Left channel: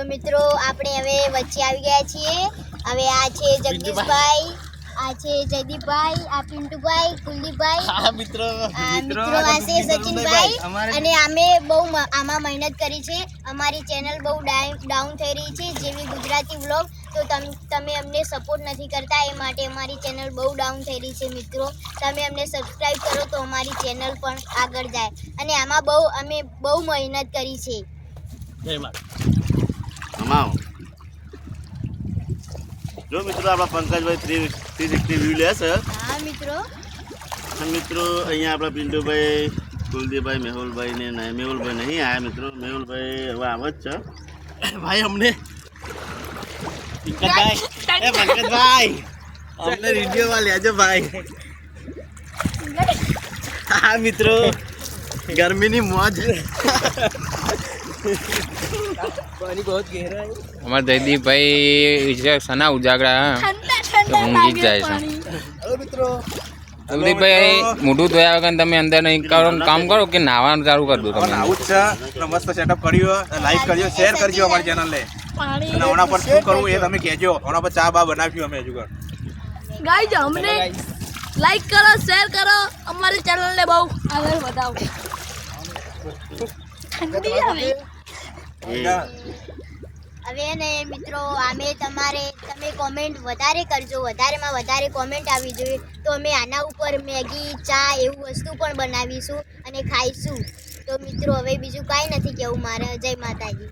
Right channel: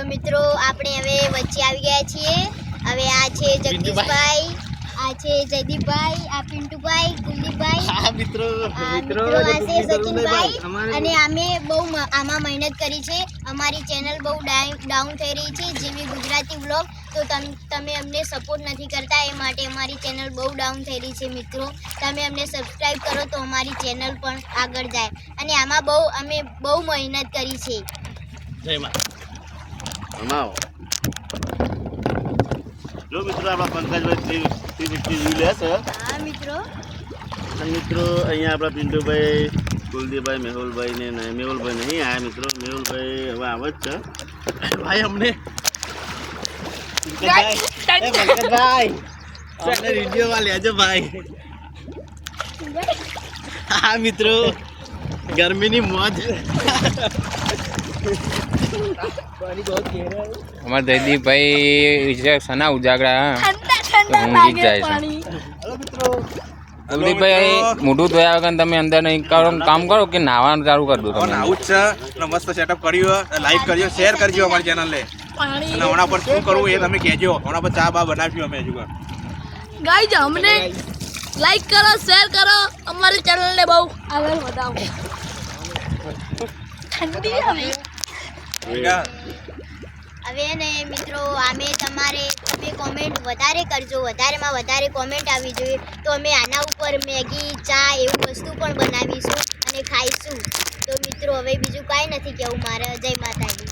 તો મિત્રો આપણે હવે વચ્ચે આવી ગયા છીએ. હવે આ છે જગદીશભાઈ, આ છે જયદીપભાઈ, આ પિન્ટુભાઈ, કુલદીપભાઈ, હા મિત્રો આ છે સચિનભાઈ. અને અમે બહુ આમાં મહેનત કરી છે. અમારી ચેનલ બહુ ડાઉન થઈ રહી છે જેવી ગુજરાતી વ્લોગ. તો તમે અમને સપોર્ટ નથી કરતા, એ માટે અમારી ચેનલ બહુ ડાઉન થઈ રહી છે. મિત્રો તમે અમને સબસ્ક્રાઈબ કરો તો અમારી ચેનલ પણ આગળ જાય. અને આમાં અમે બહુ મહેનત કરી છે. જો મિત્રો આપણા પંકજભાઈ 350 લે છે. હા મિત્રો, મિત્રો અહીંયા આપણા પિન્ટુભાઈ, કુલદીપભાઈ, મેહુલભાઈ ને મેહુલભાઈ નહીં આયા મિત્રો. મેહુલભાઈ હવે આવે જ છે. ભાઈ અમને પંકજભાઈ અમને વિડીયોમાં લેજો ભાઈ. હા મિત્રો ગરમીની મોજ. અમારા જયદીપભાઈ સના ઉજાગરા ઊંઘી જ જાય છે. કુલદીપભાઈ મોઢું ધોયા વગર તમે અંદર નહીં કરો, કામ કરો કે નાવાનું ચાલુ કરી દો. તમે આવું જ છે. મસ્ત સેટઅપ કર્યું, લાઈક કરજો, શેર કરજો અમારી ચેનલને. અને હમણાં પર શું કરવું એ તમે કહેજો. હમણાં પર ચા બા બનાવ્યું અમે હજુ. ગાઈઝ અમને લાઈક કરો, શેર કરો, અમારી ચેનલને બહુ આગળ વધાવો. ઠંડી આવી હવે ને મિત્રો તમે કોમેન્ટ વધારે કરજો, વધારેમાં વધારે કોમેન્ટ આવી જોઈએ તો અમે આના ઉપર મેગી, ચા એવું વસ્તુ પણ બનાવીશું અને ખાઈશું. તો મિત્રો હવે બીજું કાંઈ નથી કહેવું મારે. જય માતાજી.